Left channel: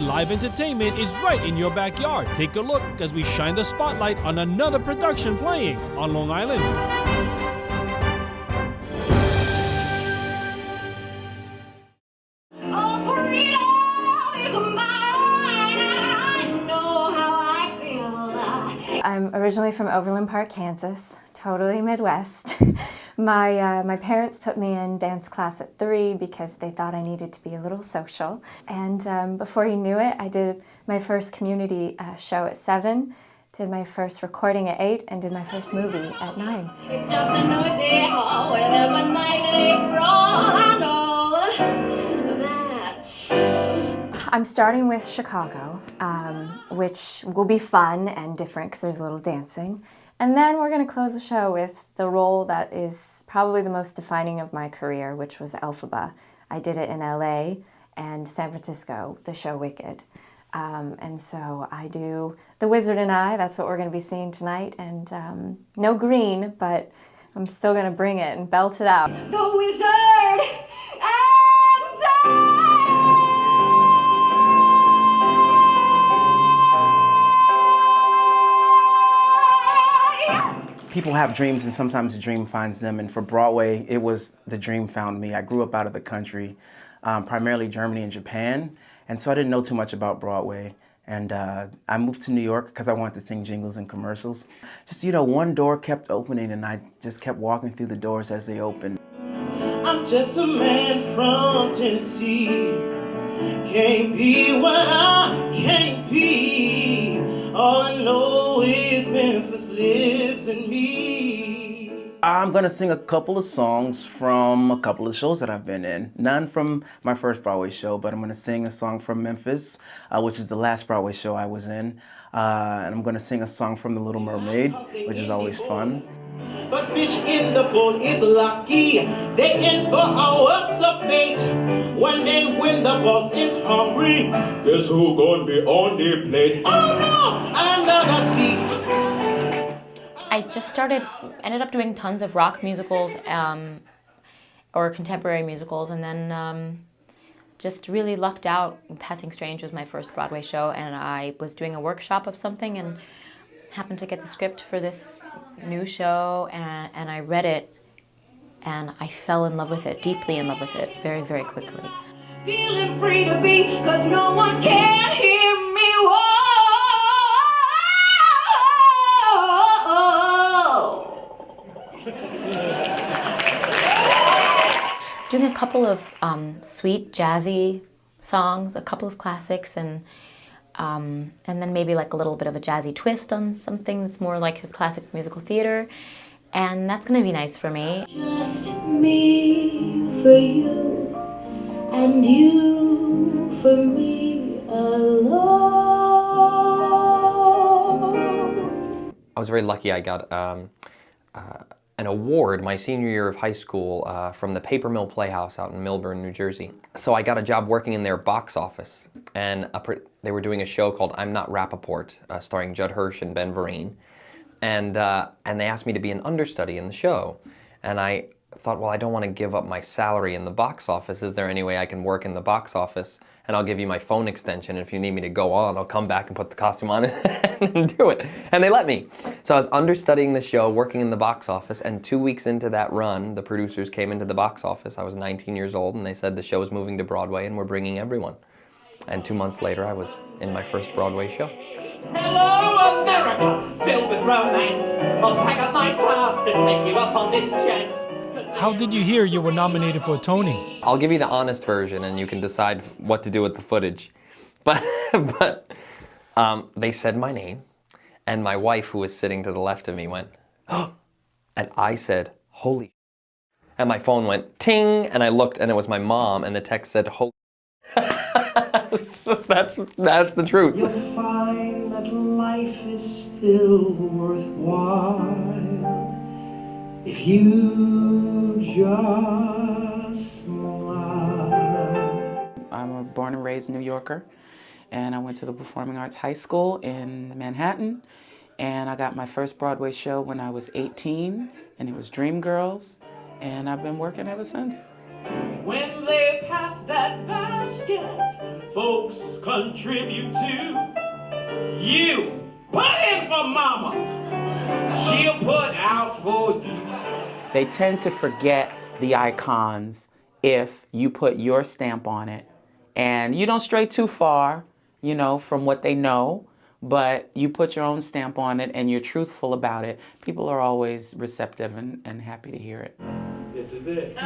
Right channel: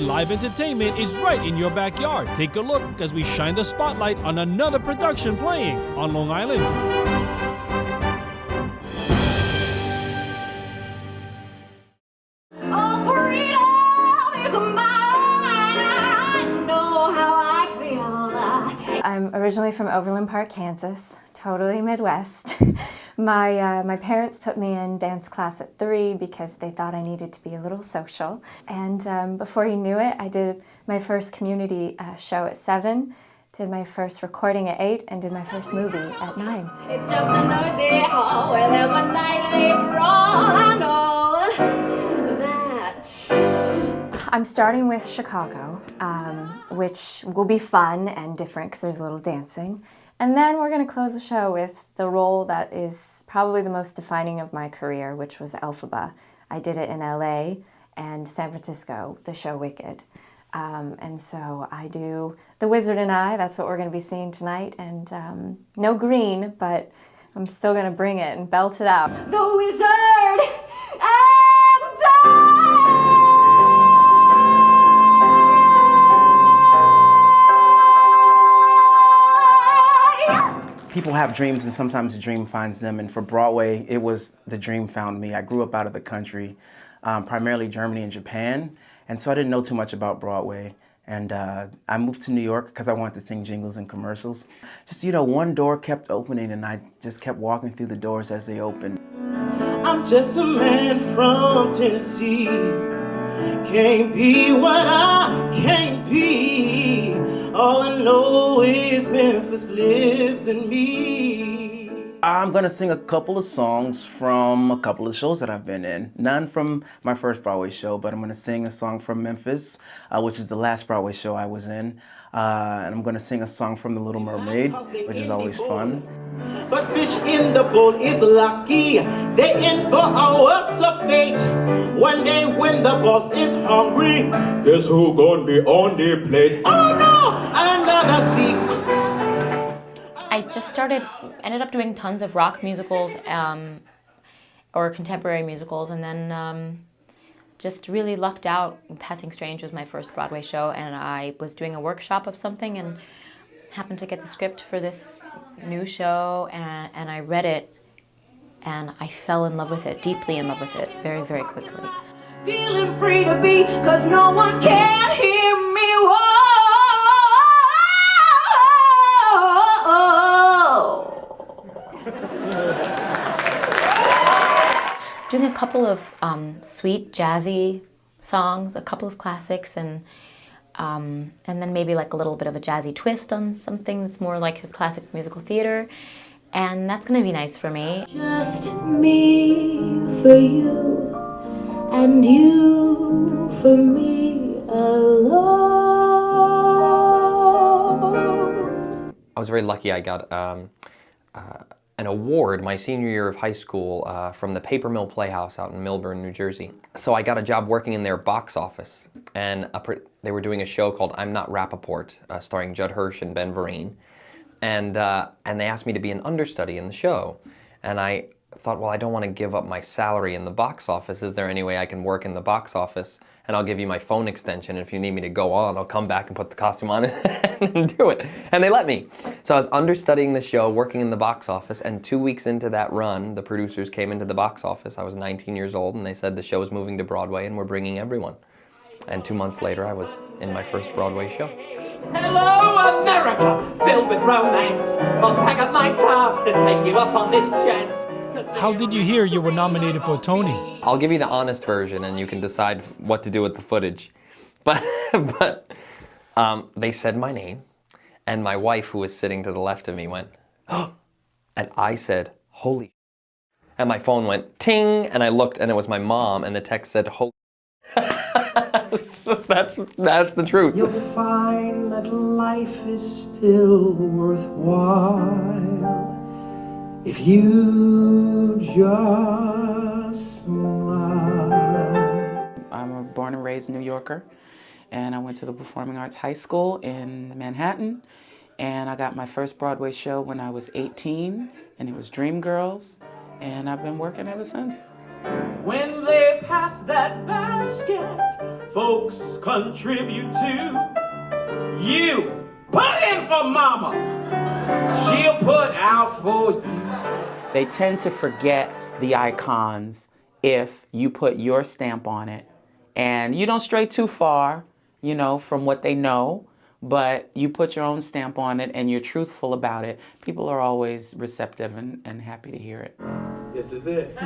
Live entertainment is right in your backyard. Take a look as we shine the spotlight on another production playing on Long Island. I'm originally from Overland Park, Kansas, totally Midwest. My parents put me in dance class at 3 because they thought I needed to be a little social. And before you knew it, I did my first community show at 7, did my first recording at 8, and did my first movie at 9. It's just a noisy hall where there's a nightly brawl. I know that. I'm starting with Chicago, which will be fun and different because there's a little dancing. And then we're going to close the show with the role that is probably the most defining of my career, which was Elphaba. I did it in LA and San Francisco, the show Wicked. And so I do The Wizard and I, that's what we're going to be seeing tonight. And no green, but I'm still going to bring it and belt it out. The Wizard and I! People have dreams and sometimes the dream finds them, and for Broadway, it was the dream found me. I grew up out of the country, primarily Germany and Japan, and so I didn't know too much about Broadway. And I moved to New York because I wanted to sing jingles and commercials. Just, you know, one door kept opening and I just kept walking through the doors as they opened. I'm just a man from Tennessee, can't be what I can't be. All I know is Memphis lives in me. I'm gonna sing a couple of songs from a couple of shows that I've been in. None from my first Broadway show, but I'm gonna sing a song from Memphis, which is the last Broadway show I was in. And I'm gonna sing a song from The Little Mermaid, which is always fun. But fish in the bowl is lucky. They in for hours of fate. One day when the boss is hungry, guess who gonna be on the plate? Oh no, under the sea. I just ended up doing tons of rock musicals or contemporary musicals, and then just really lucked out. Passing Strange was my first Broadway show, and I was doing a workshop of something and happened to get the script for this new show, and I read it, and I fell in love with it, deeply in love with it, very, very quickly. Feeling free to be, 'cause no one can hear me. Whoa. Doing a couple of sweet, jazzy songs, a couple of classics, and then maybe like a little bit of a jazzy twist on something that's more like a classic musical theater. And that's gonna be nice for me. Just me for you, and you for me alone. I was very lucky. I got an award my senior year of high school from the Paper Mill Playhouse out in Millburn, New Jersey. So I got a job working in their box office, and they were doing a show called I'm Not Rappaport, starring Judd Hirsch and Ben Vereen. And they asked me to be an understudy in the show. And I thought, well, I don't want to give up my salary in the box office. Is there any way I can work in the box office? And I'll give you my phone extension. And if you need me to go on, I'll come back and put the costume on and do it. And they let me. So I was understudying the show, working in the box office. And 2 weeks into that run, the producers came into the box office. I was 19 years old, and they said the show is moving to Broadway and we're bringing everyone. And 2 months later, I was in my first Broadway show. Hello, America, filled with romance. I'll pack up my cast and take you up on this chance. How did you hear you were nominated for a Tony? I'll give you the honest version, and you can decide what to do with the footage. But they said my name, and my wife, who was sitting to the left of me, went, "Oh!" And I said, "Holy!" And my phone went ting, and I looked, and it was my mom, and the text said, "Holy!" So that's the truth. You'll find that life is still worthwhile if you just smile. I'm a born and raised New Yorker, and I went to the Performing Arts High School in Manhattan, And I got my first Broadway show when I was 18, and it was Dreamgirls, and I've been working ever since. When they pass that basket, folks contribute to. You put in for mama, she'll put out for you. They tend to forget the icons if you put your stamp on it. And you don't stray too far, you know, from what they know, but you put your own stamp on it and you're truthful about it. People are always receptive and happy to hear it. This is it.